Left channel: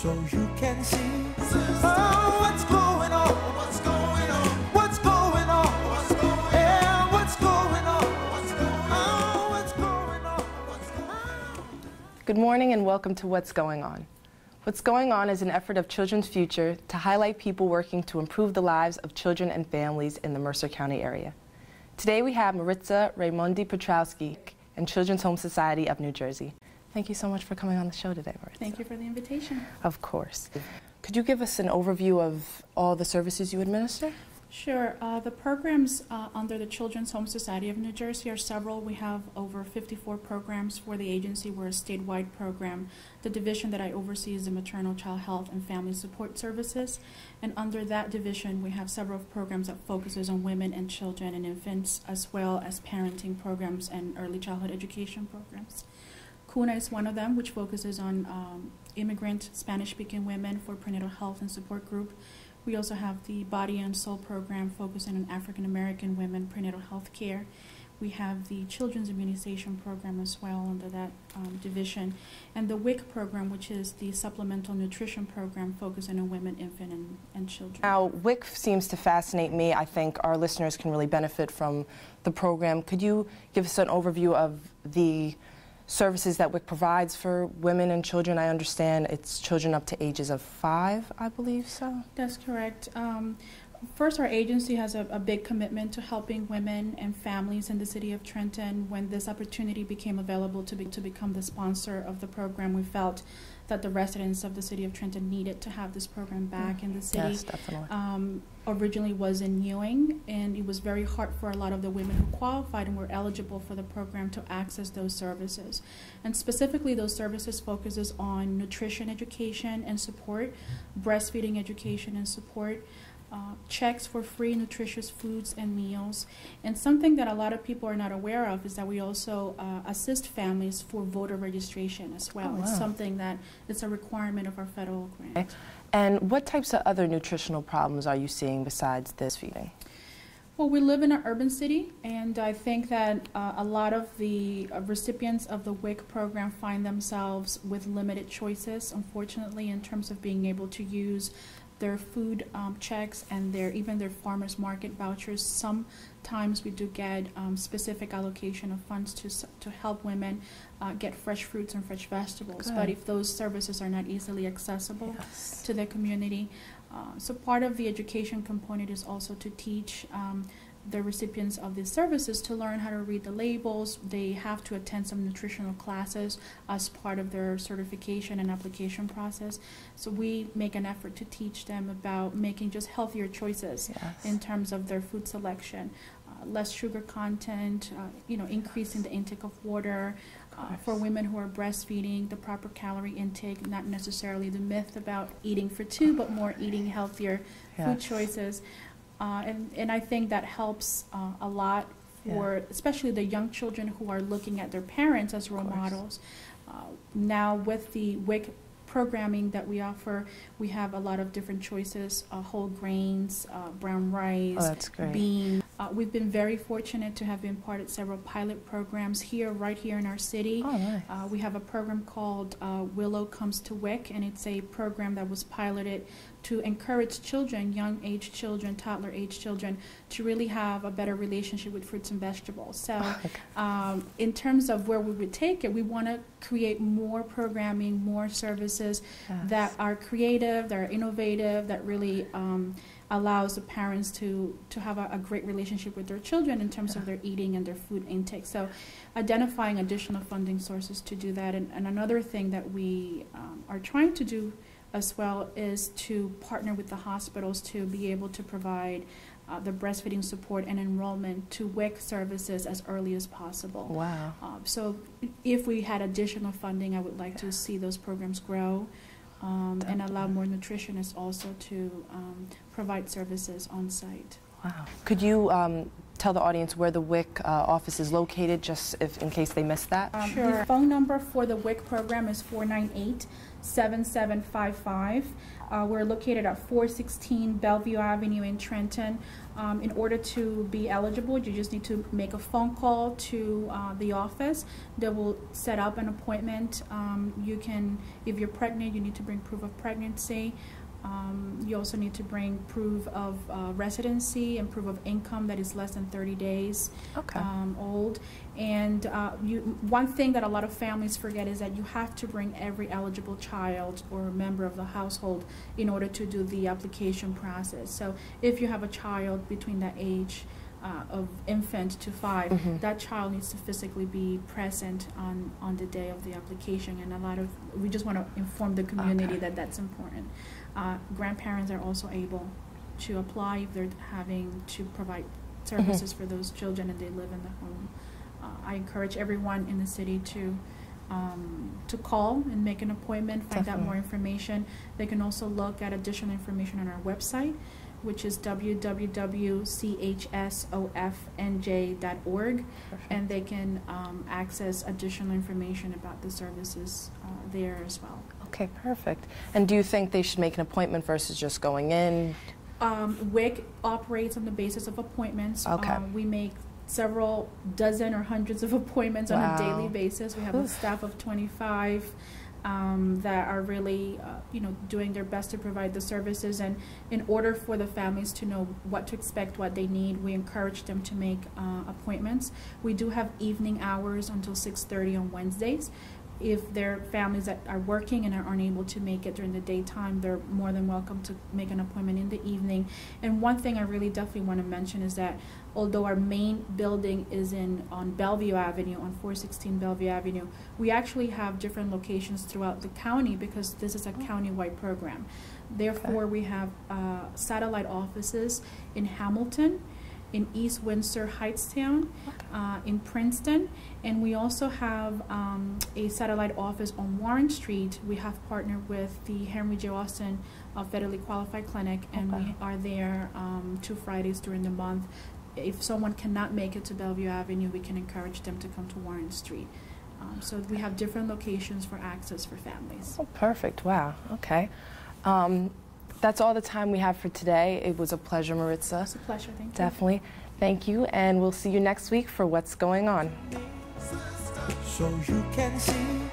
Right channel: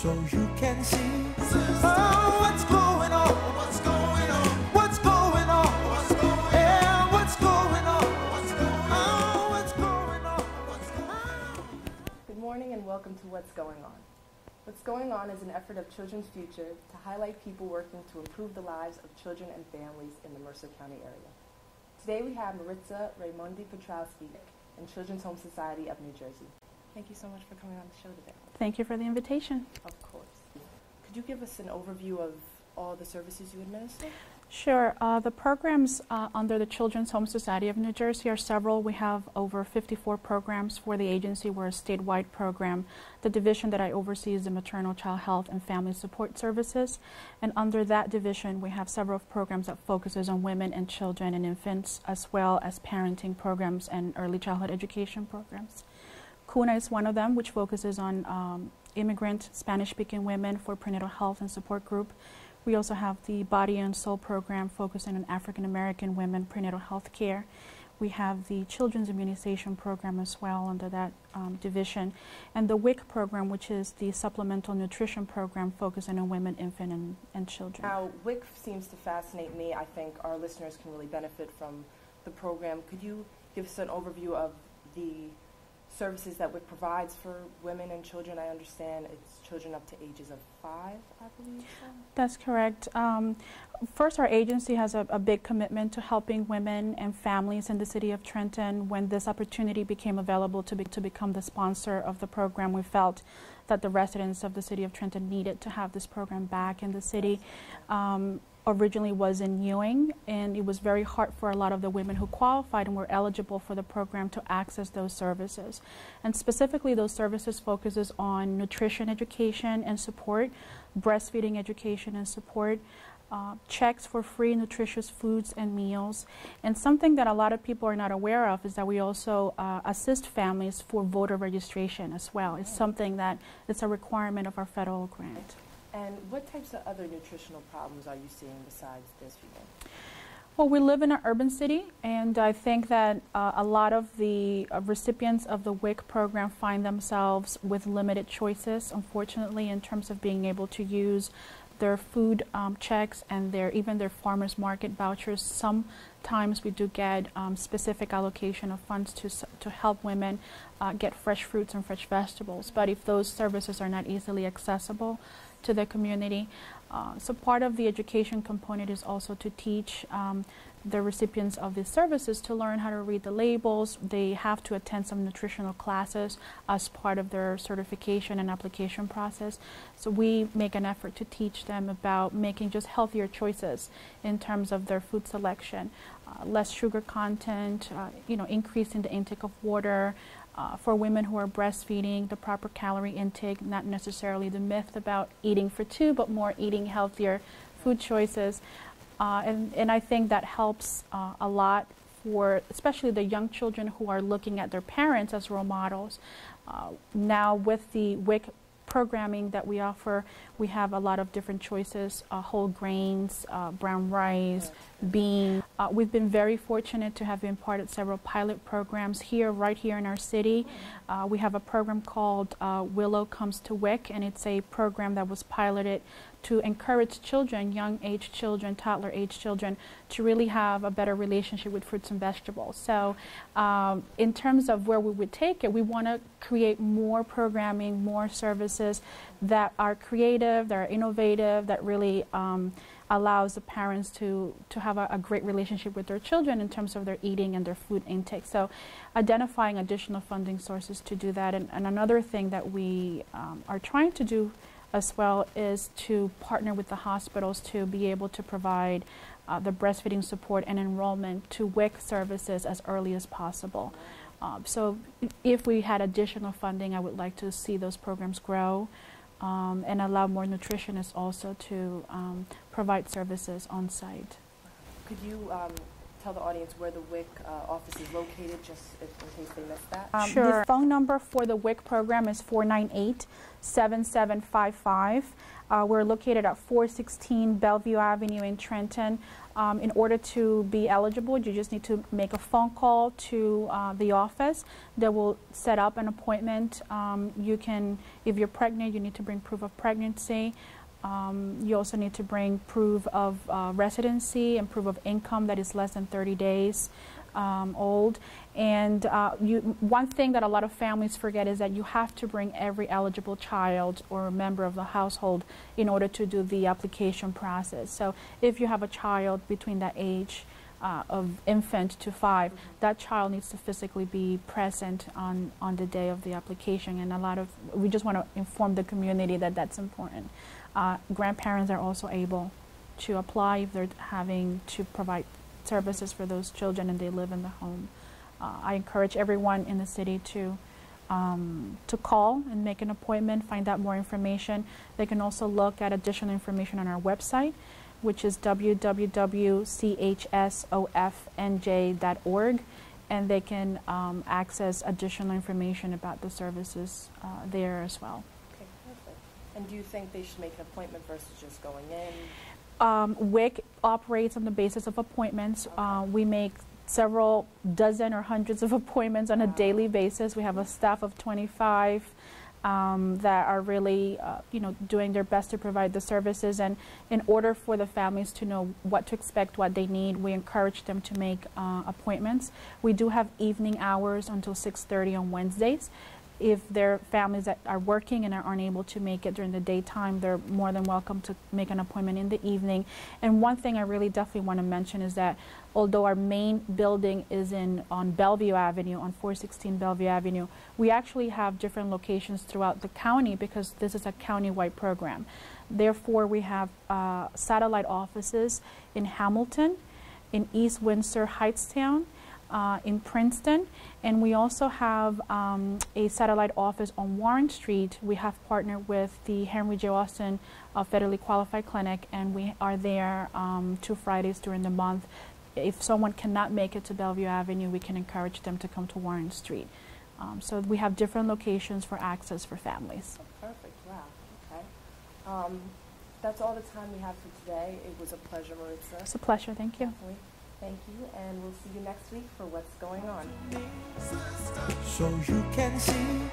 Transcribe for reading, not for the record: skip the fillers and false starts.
so you can see oh, what's going on, what's going on, what's going on, what's going on, yeah, what's going on, what's going on, what's going on, what's going on. Good morning and welcome to What's Going On. What's Going On is an effort of Children's Future to highlight people working to improve the lives of children and families in the Mercer County area. Today we have Maritza, Raimundi-Petroski, and Children's Home Society of New Jersey. Thank you so much for coming on the show today, Maritza. Thank you for the invitation. Of course. Could you give us an overview of all the services you administer? Sure. The programs under the Children's Home Society of New Jersey are several. We have over 54 programs for the agency. We're a statewide program. The division that I oversee is the Maternal Child Health and Family Support Services. And under that division, we have several programs that focuses on women and children and infants, as well as parenting programs and early childhood education programs. CUNA is one of them, which focuses on immigrant Spanish-speaking women for prenatal health and support group. We also have the Body and Soul program focusing on African-American women prenatal health care. We have the Children's Immunization program as well under that division. And the WIC program, which is the Supplemental Nutrition program focusing on women, infant, and children. Now, WIC seems to fascinate me. I think our listeners can really benefit from the program. Could you give us an overview of the services that WIC provides for women and children? I understand it's children up to ages of 5, I believe so? That's correct. First, our agency has a big commitment to helping women and families in the city of Trenton. When this opportunity became available to become the sponsor of the program, we felt that the residents of the city of Trenton needed to have this program back in the city. Yes, definitely. Originally was in Ewing, and it was very hard for a lot of the women who qualified and were eligible for the program to access those services. And specifically, those services focuses on nutrition education and support, breastfeeding education and support, checks for free nutritious foods and meals. And something that a lot of people are not aware of is that we also assist families for voter registration as well. Oh, wow. It's something that it's a requirement of our federal grant. Okay. And what types of other nutritional problems are you seeing besides this feeding? Well, we live in an urban city, and I think that a lot of the recipients of the WIC program find themselves with limited choices, unfortunately, in terms of being able to use their food checks and even their farmers market vouchers. Sometimes we do get specific allocation of funds to help women get fresh fruits and fresh vegetables. Good. But if those services are not easily accessible to the community, so part of the education component is also to teach the recipients of these services to learn how to read the labels. They have to attend some nutritional classes as part of their certification and application process. So we make an effort to teach them about making just healthier choices in terms of their food selection. Less sugar content, increasing the intake of water. For women who are breastfeeding, the proper calorie intake, not necessarily the myth about eating for 2, but more eating healthier food choices. And I think that helps a lot for especially the young children who are looking at their parents as role models. Now with the WIC programming that we offer, we have a lot of different choices, whole grains, brown rice, beans. We've been very fortunate to have been part of several pilot programs right here in our city. Oh, nice. We have a program called Willow Comes to WIC, and it's a program that was piloted to encourage children, young-age children, toddler-age children, to really have a better relationship with fruits and vegetables. So in terms of where we would take it, we want to create more programming, more services that are creative, that are innovative, that really allows the parents to have a great relationship with their children in terms of their eating and their food intake. So identifying additional funding sources to do that. And another thing that we are trying to do as well is to partner with the hospitals to be able to provide the breastfeeding support and enrollment to WIC services as early as possible. Wow. So if we had additional funding, I would like to see those programs grow and allow more nutritionists also to provide services on site. Wow. Could you tell the audience where the WIC office is located, just in case they missed that? Sure. The phone number for the WIC program is 498-7755. We're located at 416 Bellevue Avenue in Trenton. In order to be eligible, you just need to make a phone call to the office. They will set up an appointment. You can, if you're pregnant, you need to bring proof of pregnancy. You also need to bring proof of residency and proof of income that is less than 30 days old. And one thing that a lot of families forget is that you have to bring every eligible child or member of the household in order to do the application process. So if you have a child between the age of infant to 5, that child needs to physically be present on the day of the application. And we just want to inform the community that that's important. Grandparents are also able to apply if they're having to provide services for those children and they live in the home. I encourage everyone in the city to call and make an appointment, find out more information. They can also look at additional information on our website, which is www.chsofnj.org, and they can access additional information about the services there as well. Okay, perfect. And do you think they should make an appointment versus just going in? WIC operates on the basis of appointments. We make several dozen or hundreds of appointments on a daily basis. We have a staff of 25 that are really doing their best to provide the services. And in order for the families to know what to expect, what they need, we encourage them to make appointments. We do have evening hours until 6:30 on Wednesdays. If there are families that are working and are unable to make it during the daytime, they're more than welcome to make an appointment in the evening. And one thing I really definitely want to mention is that although our main building is on Bellevue Avenue, on 416 Bellevue Avenue, we actually have different locations throughout the county because this is a county-wide program. Therefore, we have satellite offices in Hamilton, in East Windsor Heightstown, in Princeton, and we also have a satellite office on Warren Street. We have partnered with the Henry J. Austin Federally Qualified Clinic, and we are there 2 Fridays during the month. If someone cannot make it to Bellevue Avenue, we can encourage them to come to Warren Street. So we have different locations for access for families. Oh, perfect. Wow. Okay. That's all the time we have for today. It was a pleasure, Maritza. It's a pleasure. Thank you. Definitely. Thank you, and we'll see you next week for What's Going On. So you can see